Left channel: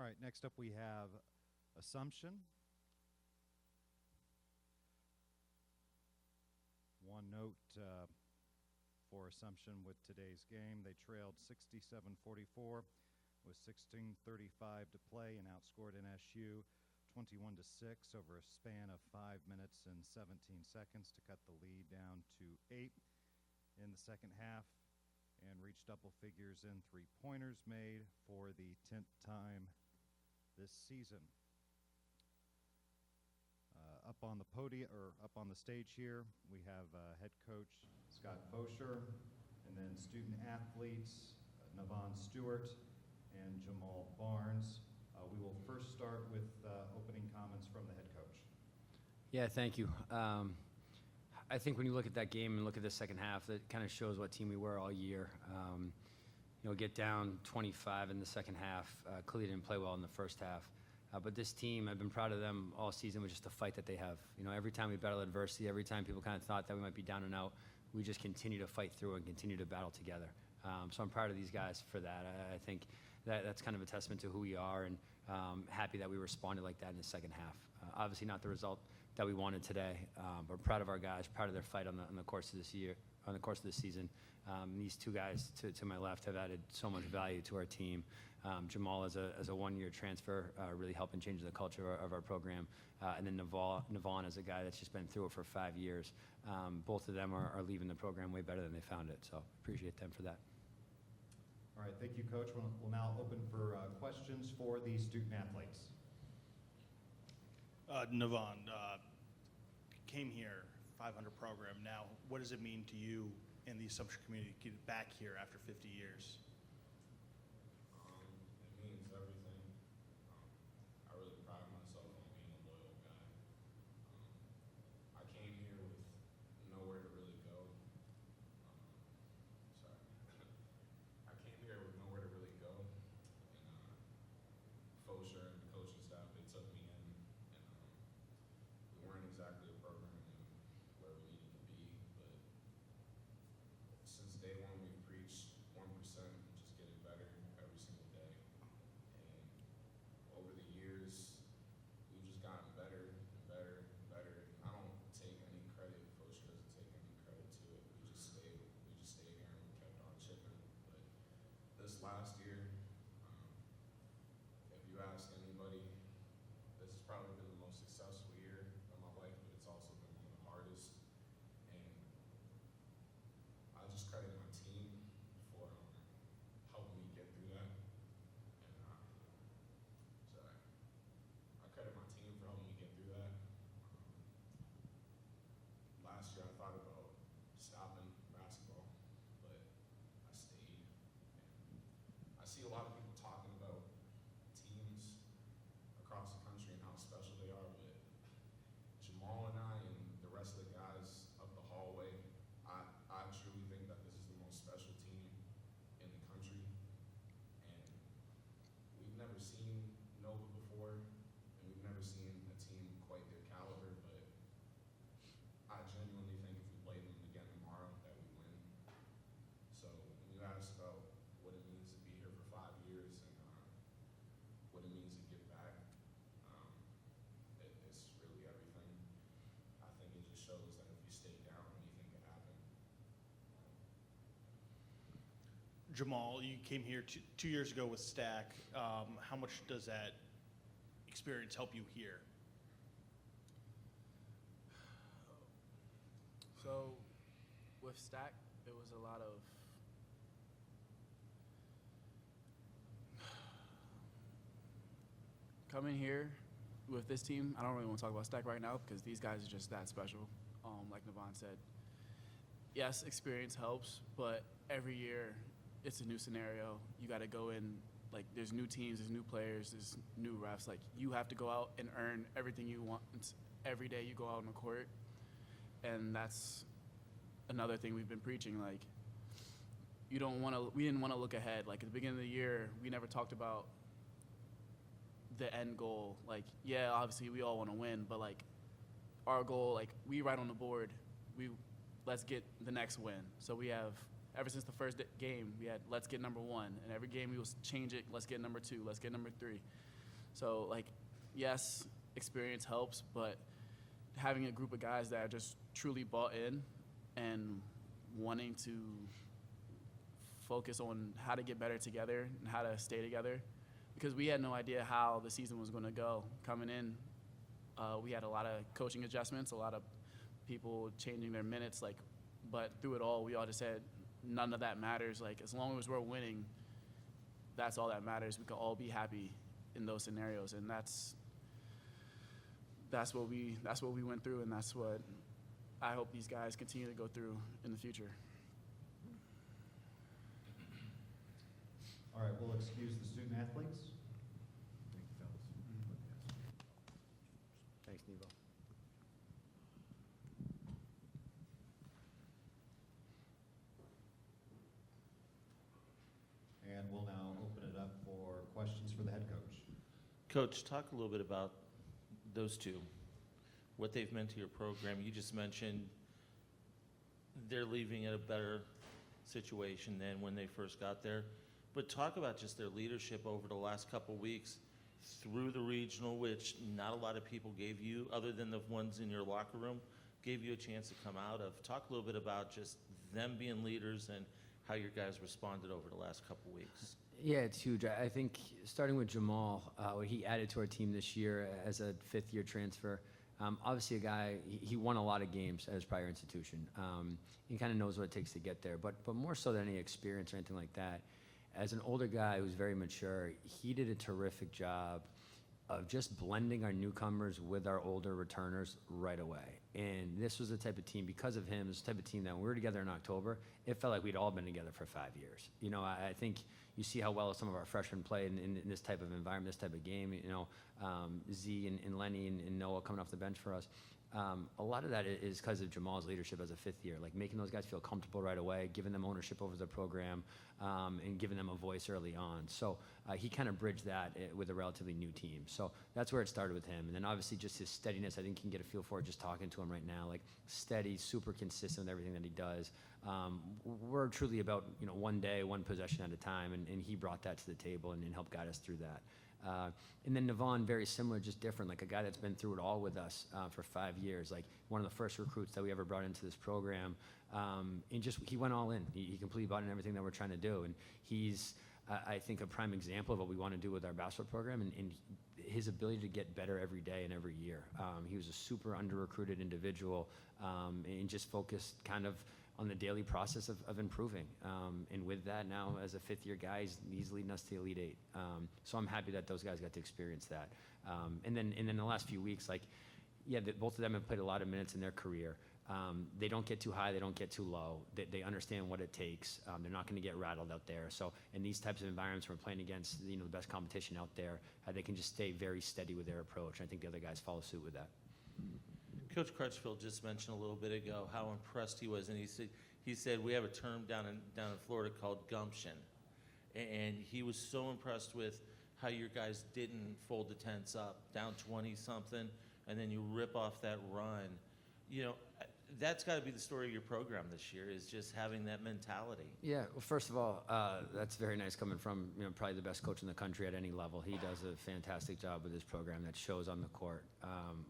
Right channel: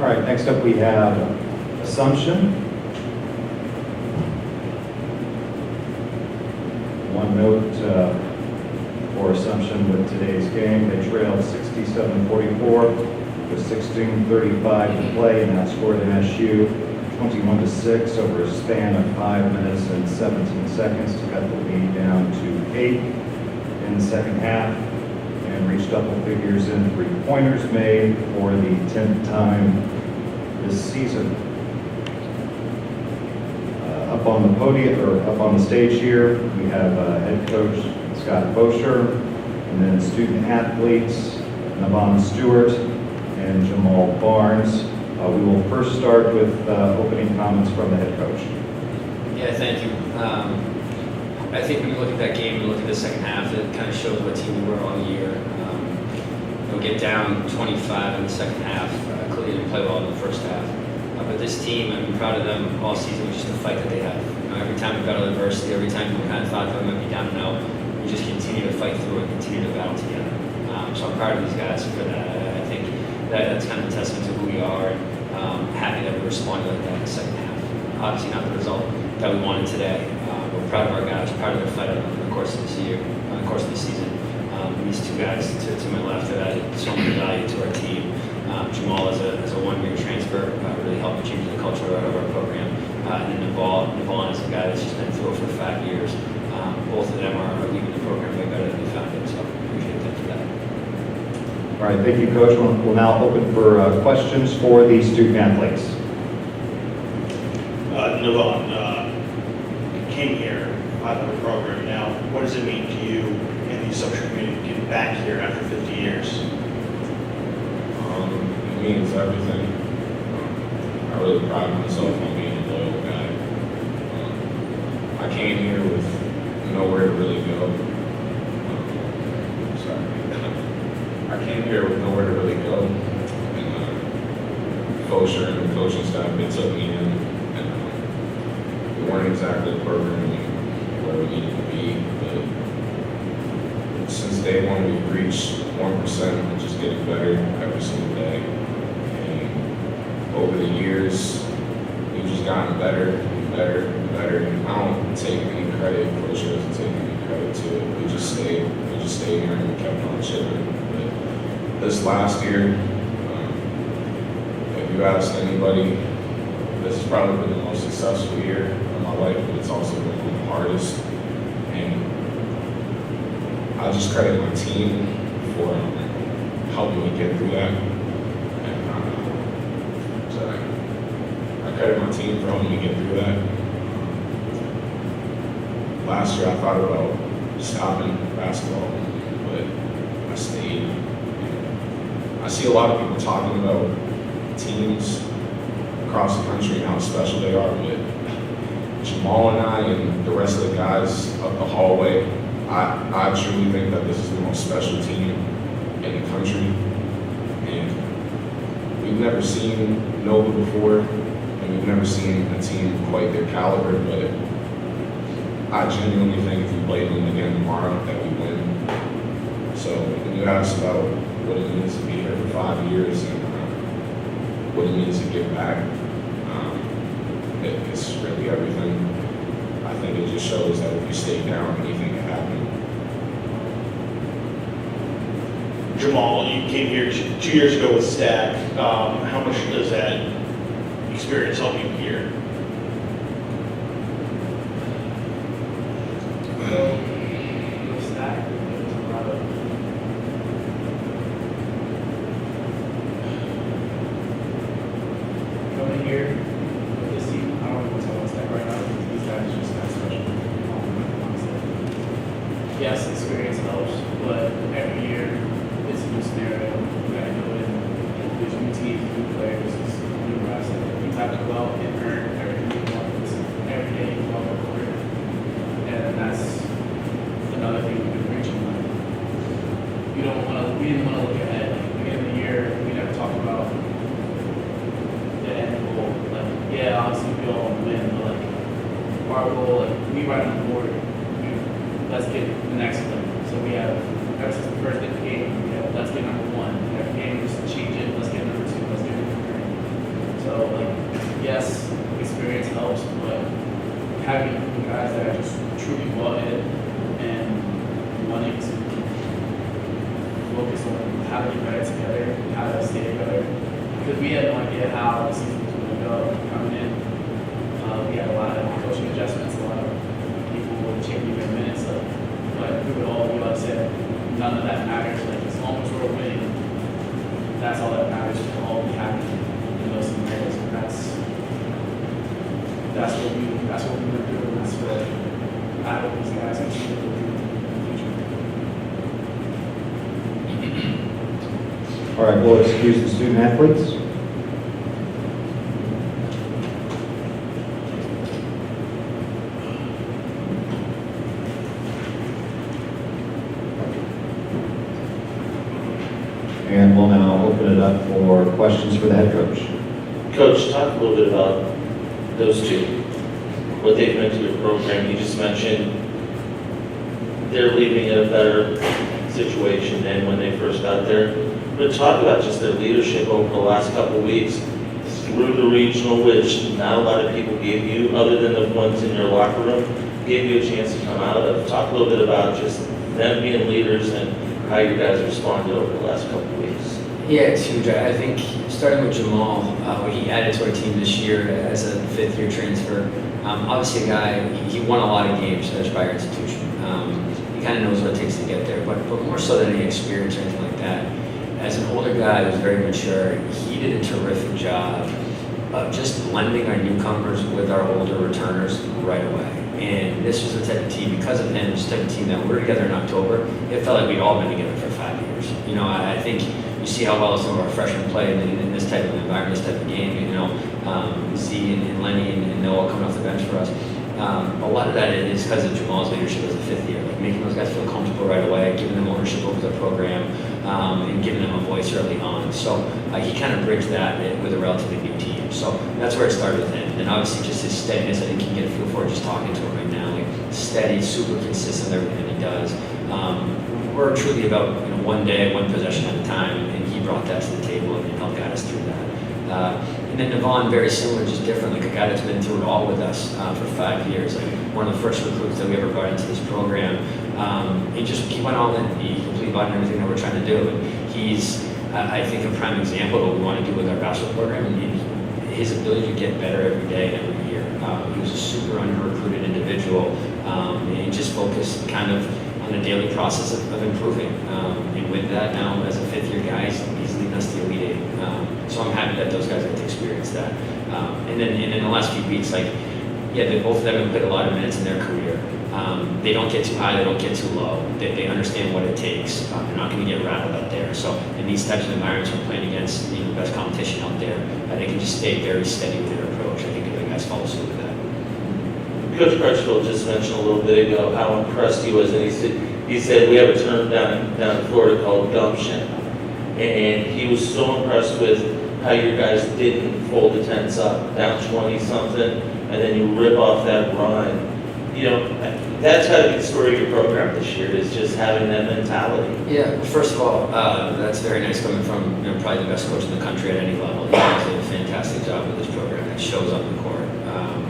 All right, next up we have Assumption. One note for Assumption with today's game, they trailed 67-44 with 16:35 to play, and outscored MSU 21-6 over a span of 5 minutes and 17 seconds to cut the lead down to 8 in the second half, and reached double figures in three-pointers made for the 10th time this season. Up on the podium, or up on the stage here, we have head coach Scott Faucher, and then student athletes Njavan Stewart and Jamal Barnes. We will first start with opening comments from the head coach. Yeah, thank you. I think when you look at that game and look at the second half, it kind of shows what team we were all year. We'll get down 25 in the second half. Clearly didn't play well in the first half. But this team, I'm proud of them all season with just the fight that they have. Every time we've battled adversity, every time we kind of thought that we might be down and out, we just continue to fight through it, continue to battle together. So I'm proud of these guys for that. I think that's kind of a testament to who we are, and happy that we responded like that in the second half. Obviously not the result that we wanted today. We're proud of our guys, proud of their fight over the course of this year, the course of the season. These two guys to my left have added so much value to our team. Jamal is a one-year transfer, really helped change the culture of our program. And then Njavan is a guy that's just been through it for 5 years. Both of them are leaving the program way better than we found it, so appreciate them for that. All right, thank you, Coach. We'll now open for questions for the student athletes. Njavan, came here out of the program now. What does it mean to you in the social community getting back here after 50 years? It means everything. I really pride myself on being a loyal guy. I came here with nowhere to really go. I came here with nowhere to really go. And Faucher and the coaching staff, they took me in. And we weren't exactly the program where we needed to be. But since day one, we've reached 1% and just getting better every single day. Over the years, we've just gotten better and better and better. And I don't take any credit, Faucher doesn't take any credit to it. We just stayed here and we kept on chipping. But this last year, if you ask anybody, this has probably been the most successful year of my life, but it's also been one of the hardest. And I just credit my team for helping me get through that. I credit my team for helping me get through that. Last year I thought about stopping basketball, but I stayed. I see a lot of people talking about teams across the country and how special they are, but Jamal and I and the rest of the guys up the hallway, I truly think that this is the most special team in the country. And we've never seen Nova before. We've never seen a team quite their caliber, but I genuinely think if we played them again tomorrow that we win. So when you ask about what it means to be here for 5 years and what it means to give back, it's really everything. I think it just shows that if you stay down, anything can happen. Jamal, you came here 2 years ago with Stack. How much does that experience help you here? With Stack, it was a lot of coming here with this team. I don't know what's on Stack right now because these guys are just that special. Yes, experience helps, but every year it's a new scenario. We gotta go in. There's new teams, new players, it's new refs. We talk about and earn everything we want. It's every day you walk up court. And that's another thing we've been preaching. Like, we didn't want to look ahead. Like, beginning of the year, we never talk about the end goal. Like, yeah, obviously we all want to win, but like our goal, like we right on the board, let's get the next one. So we have, ever since the first day of the game, we have, let's get number one. Every game, just change it, let's get number two, let's get number three. yes, experience helps, but having guys that are just truly bought in and wanting to focus on how to get better together, how to stay together. Because we had no idea how the season was going to go coming in. We had a lot of coaching adjustments, a lot of people would change their minutes up. But we would all be all said, none of that matters. Like, as long as we're winning, that's all that matters. We'll all be happy in those scenarios. And that's what we were doing. That's what I hope these guys can see what we'll do in the future. All right, we'll excuse the student athletes. And we'll now open it up for questions for the head coach. Coach, talk a little bit about those two, what they've meant to your program. You just mentioned they're leaving in a better situation than when they first got there. But talk about just their leadership over the last couple of weeks through the regional, which not a lot of people gave you, other than the ones in your locker room, gave you a chance to come out of. Talk a little bit about just them being leaders and how you guys responded over the last couple of weeks. Yeah, it's huge. I think starting with Jamal, what he added to our team this year as a fifth-year transfer. Obviously, a guy, he won a lot of games at Aspire Institution. He kind of knows what it takes to get there, but more so than any experience or anything like that. As an older guy who's very mature, he did a terrific job of just blending our newcomers with our older returners right away. And this was the type of team, because of him, this type of team that we were together in October, it felt like we'd all been together for 5 years. You know, I think you see how well some of our freshmen play in this type of environment, this type of game. You know, Z and Lenny and Noah coming off the bench for us. A lot of that is because of Jamal's leadership as a fifth year, like making those guys feel comfortable right away, giving them ownership over the program, and giving them a voice early on. So he kind of bridged that with a relatively new team. So that's where it started with him. And obviously just his steadiness, I think you can get a feel for it just talking to him right now. Like steady, super consistent in everything he does. We're truly about one day, one possession at a time, and he brought that to the table and helped guide us through that. And then Njavan, very similar, just different, like a guy that's been through it all with us for 5 years. Like one of the first recruits that we ever brought into this program. He went all in. He completely bought into everything that we're trying to do. And he's, I think, a prime example of what we want to do with our bachelor program. And his ability to get better every day and every year. He was a super under-recruited individual, and he just focused kind of on the daily process of improving. And with that, now as a fifth-year guy, he's leading us to the Elite Eight. So I'm happy that those guys get to experience that. And then in the last few weeks, both of them have played a lot of minutes in their career. They don't get too high, they don't get too low. They understand what it takes. They're not going to get rattled up there. So in these types of environments, we're playing against the best competition out there. They can just stay very steady with their approach. I think the guys follow suit with that. Coach Crutchfield just mentioned a little bit ago how impressed he was, and he said we have a term down in Florida called gumption. And he was so impressed with how you guys didn't fold the tents up, down 20-something, and then you rip off that run. That's how to be the story of your program this year, is just having that mentality. Yeah, well, first of all, that's very nice coming from probably the best coach in the country at any level. He does a fantastic job with this program. It shows up in court,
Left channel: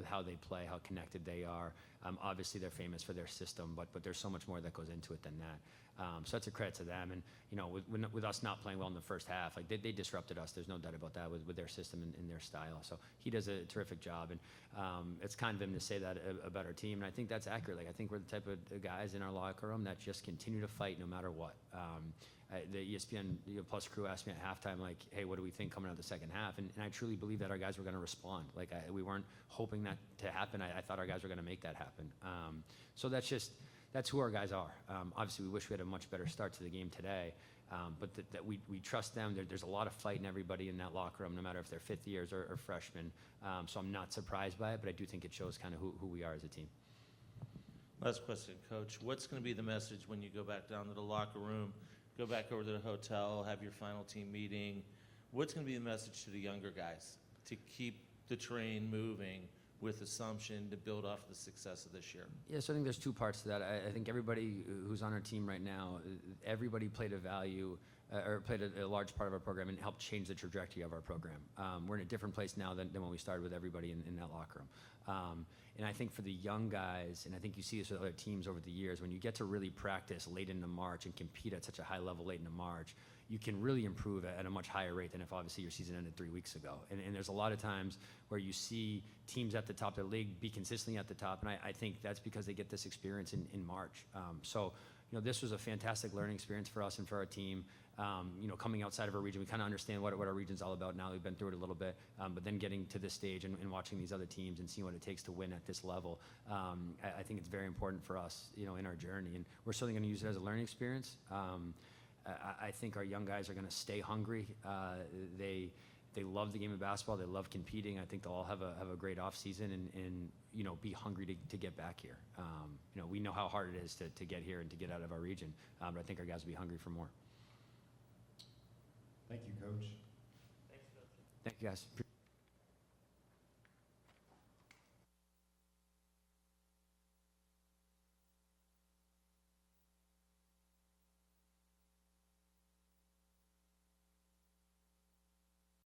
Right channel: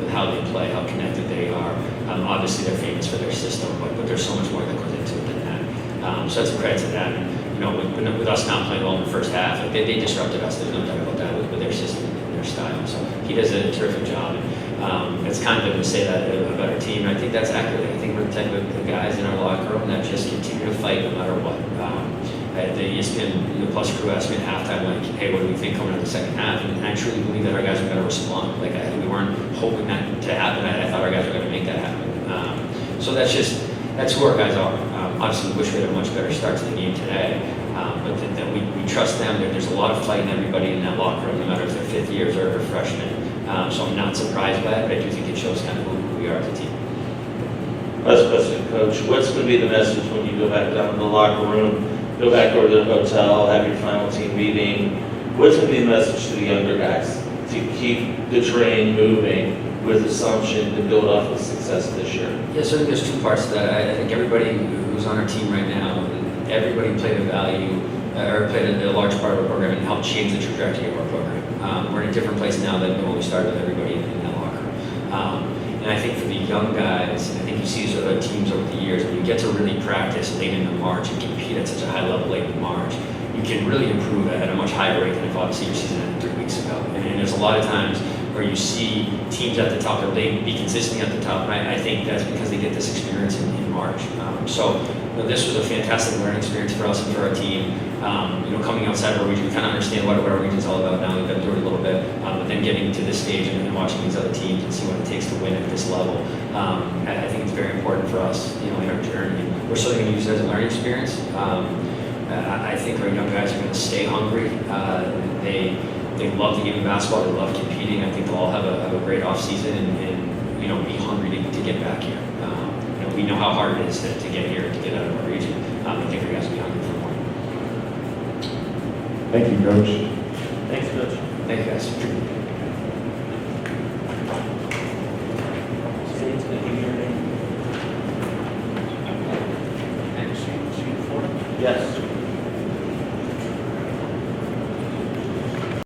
with how they play, how connected they are. Obviously, they're famous for their system, but there's so much more that goes into it than that. So that's a credit to them. With us not playing well in the first half, they disrupted us. There's no doubt about that with their system and their style. So he does a terrific job. And it's kind of good to say that about our team. And I think that's accurate. I think we're the type of guys in our locker room that just continue to fight no matter what. The ESPN Plus crew asked me at halftime, like, hey, what do we think coming out of the second half? And I truly believe that our guys are going to respond. We weren't hoping that to happen. I thought our guys were going to make that happen. So that's who our guys are. Obviously, we wish we had a much better start to the game today, but that we trust them. There's a lot of fight in everybody in that locker room, no matter if they're fifth years or freshmen. So I'm not surprised by it, but I do think it shows kind of who we are as a team. Last question, Coach. What's going to be the message when you go back down to the locker room, go back over to the hotel, have your final team meeting? What's going to be the message to the younger guys to keep the train moving with Assumption to build off of success this year? Yeah, so I think there's two parts to that. I think everybody who's on our team right now, everybody played a large part of our program and helped change the trajectory of our program. We're in a different place now than when we started with everybody in that locker room. And I think for the young guys, I think you see sort of teams over the years, when you get to really practice late into March and compete at such a high level late in March, you can really improve at a much higher rate than if obviously your season ended 3 weeks ago. And there's a lot of times where you see teams at the top, they'll be consistently at the top, and I think that's because they get this experience in March. So this was a fantastic learning experience for us and for our team. Coming outside of our region, we kind of understand what our region is all about now. We've been through it a little bit, but then getting to this stage and watching these other teams and see what it takes to win at this level, I think it's very important for us, in our journey. And we're certainly going to use it as a learning experience. I think our young guys are going to stay hungry. They love the game of basketball. They love competing. I think they'll all have a great off season and be hungry to get back here. We know how hard it is to get here, to get out of our region. I think our guys will be hungry for more. Thank you, Coach. Thanks, Coach. Thank you, guys. Yes.